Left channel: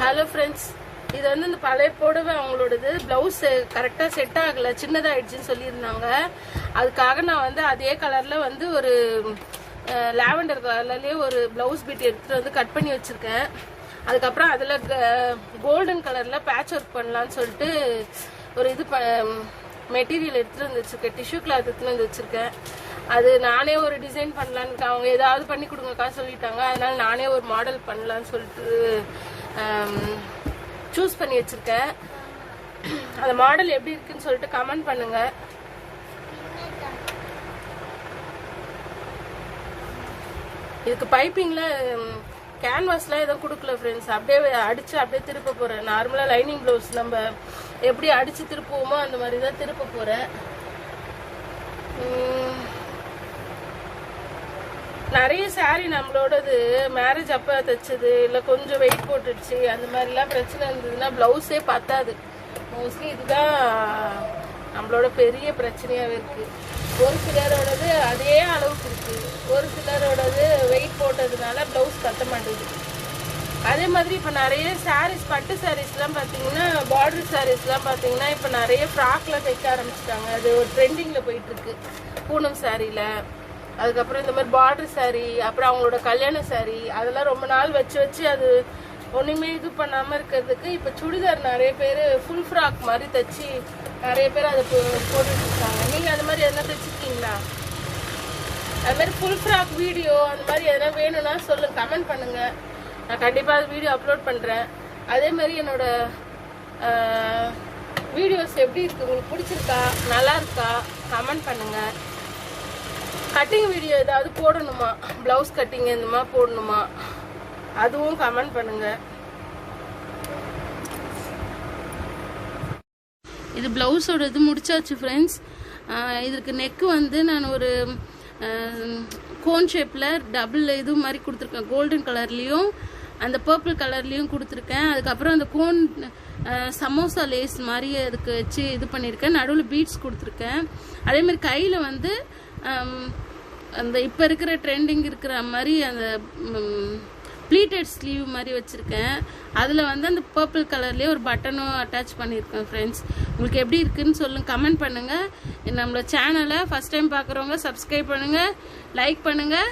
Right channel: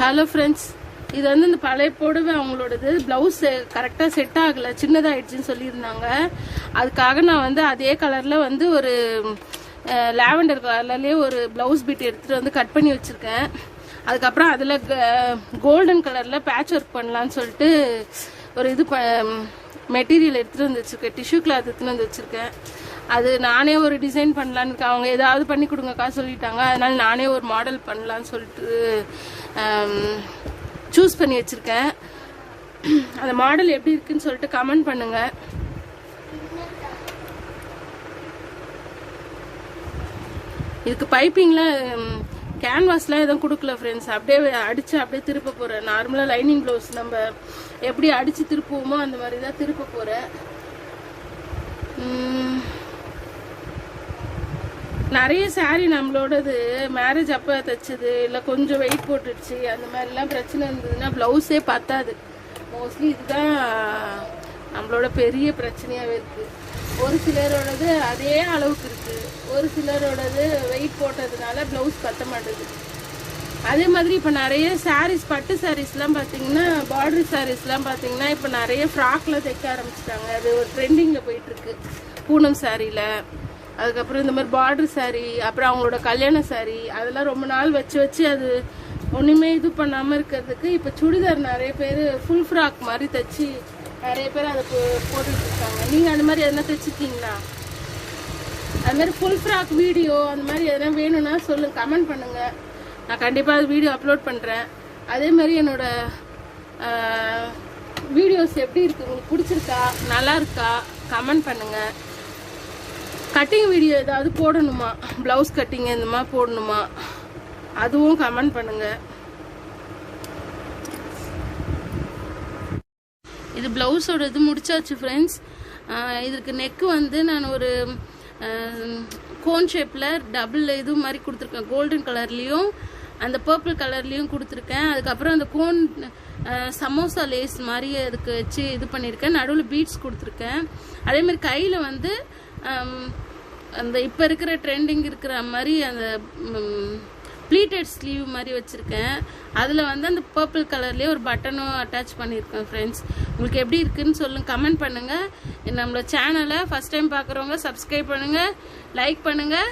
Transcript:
Hello friends, இது வந்து இந்த பழைய புடவை அவங்களோடது ப்ளவுஸ் கரெக்டாக செட் ஆகலை, சின்னதாகிடுச்சின்னு சொல்லியிருந்தாங்க. அதுக்காக நான் வந்து அதே கலரில் வந்து ஒரு லாவெண்டர் கலர்லேயே ஒரு ப்ளவுஸ் பீட் எடுத்துகிட்டு வந்து கட் பண்ணி வச்சுருக்கேன். அதுக்கப்புறம் அதில் கோல்டன் கலரில் பேட்ச் ஒர்க் பண்ணலான்னு சொல்லிட்டு ஒரு இது மெட்டீரியல் எடுத்துகிட்டு வந்து வச்சுருக்கேன், டிஷ்யூ கிளாத் எடுத்துகிட்டு வந்து வச்சுருக்கேன். அது நானே ஒரு டிசைன் பண்ணலான்னு இருக்கேன். அவங்க ஏதாவது பண்ணி கொடுங்கக்கா சொல்லிட்டாங்க. அதனால் நானே ஒரு மாடல் பண்ணலான்னு சொல்லிட்டு சூஸ் பண்ணி வச்சுருக்கேன். அந்த மாடல் எப்படி இருக்குன்னு சொல்லிட்டு கமெண்ட் பண்ணுங்கள். இதுக்கு பைப்பிங்லாம் கேன்வாஸ்லாம் எதுவும் கொடுக்கல ஃப்ரெண்ட்ஸ். அப்படியே அடித்து அப்படியே திருப்ப போகிறேன். நார்மலாக லைனிங் ப்ளவுஸ் நம்ம எப்படி அடித்து திருப்புவோமோ அந்த மாதிரி தான் திருப்ப போகிறேன். நிறைய சாரீ நம்மளோடது மேரேஜ் அப்போ தைச்சது, இல்லை கொஞ்சம் வெயிட் போட்டுடுச்சு, அந்த மாதிரிலாம் பிரச்சனை இருந்ததுன்னா ப்ளவுஸே பத்தாது. மோஸ்ட்லி இதுதான் நம்மளோட பெரிய பிரச்சனையாகவே இருக்குது. ஒரு சிலரோடது அதே அளவுக்கு இருக்குது, ஒரு சிலரோடது வெயிட் போட்டதுனால ப்ளவுஸ் பத்த மாட்டேது. அதே மாதிரி இப்போ நிறைய சாரீஸ், பட்டு சாரீஸ்லாம் பார்த்தீங்கன்னா, பார்டர் சாரீஸ்லாம் பார்த்தீங்கன்னா இப்போ நிறைய ஃப்ராக்ல தைக்க ஆரம்பிச்சிட்டாங்க. அது ஒரு ட்ரெண்டிங்கில் போயிட்டுருக்கு. பூனம் சாரியில், அதுக்கப்புறம் இந்த மாதிரி பார்டர் சாரீ, அப்புறம் அவங்களோட கல்யாண சாரீ, அதெல்லாம் ரொம்ப நாள் வச்சு அது ஒன்றுமே இது பண்ணாமல் இருக்கிறதுக்கு இப்போ சுடிதார் நிறைய பேர் ஃபுல் ஃப்ராக் மாதிரி தைச்சி நிறைய பேர் அதை போட்டுட்டு இருக்காங்க. நீங்கள் அந்த மாதிரி எதனா தைச்சிருக்கீங்களா? அது மாதிரி ஃபுல் ஃப்ராக் வீடியோ அந்த மாதிரி எதனா வேணும்னா சொல்லுங்கள், கமெண்ட் பண்ணுங்கள். நான் கண்டிப்பாக அது வீடியோ அப்லோட் பண்ணுறேன். அதே மாதிரி என்னோட வீடியோஸ் எப்படி இருக்குது, உங்களுக்கு பிடிச்சிருக்கா, நல்லா இருக்கா, கமெண்ட் பண்ணுங்கள். கட்டிங் வீடியோ ஏதாவது போடணுமா, ப்ளவுஸ் கட்டிங் இந்த மாதிரி போடணுமா, அதுவும் கமெண்ட் பண்ணுங்கள். இது ப்ளவுஸோட இது முடிச்சாச்சு ஃப்ரெண்ட்ஸ். இதுக்கு நெக்கு வந்து நான் ஒரு கோன் ஷேப்பில் டபுள் இது மாதிரி கொடுத்துருக்கேன். கோல்டன் கலர்லேயும் அந்த பர்பிள் கலர்லேயும் கொடுத்துருக்கேன். அதுக்கப்புறம் அந்த கோன் சமோசா லேஸ் மாதிரி அதுக்கு வச்சு இது பண்ணியிருக்கேன். நடுவில் பீட்ஸ் கொடுத்துருக்கேன். அதேமாதிரி கையில் வந்து அந்த இப்போ இருக்கிற ட்ரெண்டிங் இருக்கிற மாதிரி அந்த ப்ளீட்டட் ஸ்லீவ் மாதிரி வச்சுருக்கேன். அதில் வந்து அந்த பர்பிள் கலர்லேயே ஒரு பட்டனும் அட்டாச் பண்ணியிருக்கேன் ஃப்ரெண்ட்ஸ். உங்களுக்கு எப்படி இருக்குதுன்னு சொல்லுங்கள், கமெண்ட் பண்ணுங்கள். நம்மளோட சேனலை ஃபஸ்ட் டைம் பார்க்குறவங்க சப்ஸ்கிரைப் பண்ணுங்கள், லைக் பண்ணுங்கள்.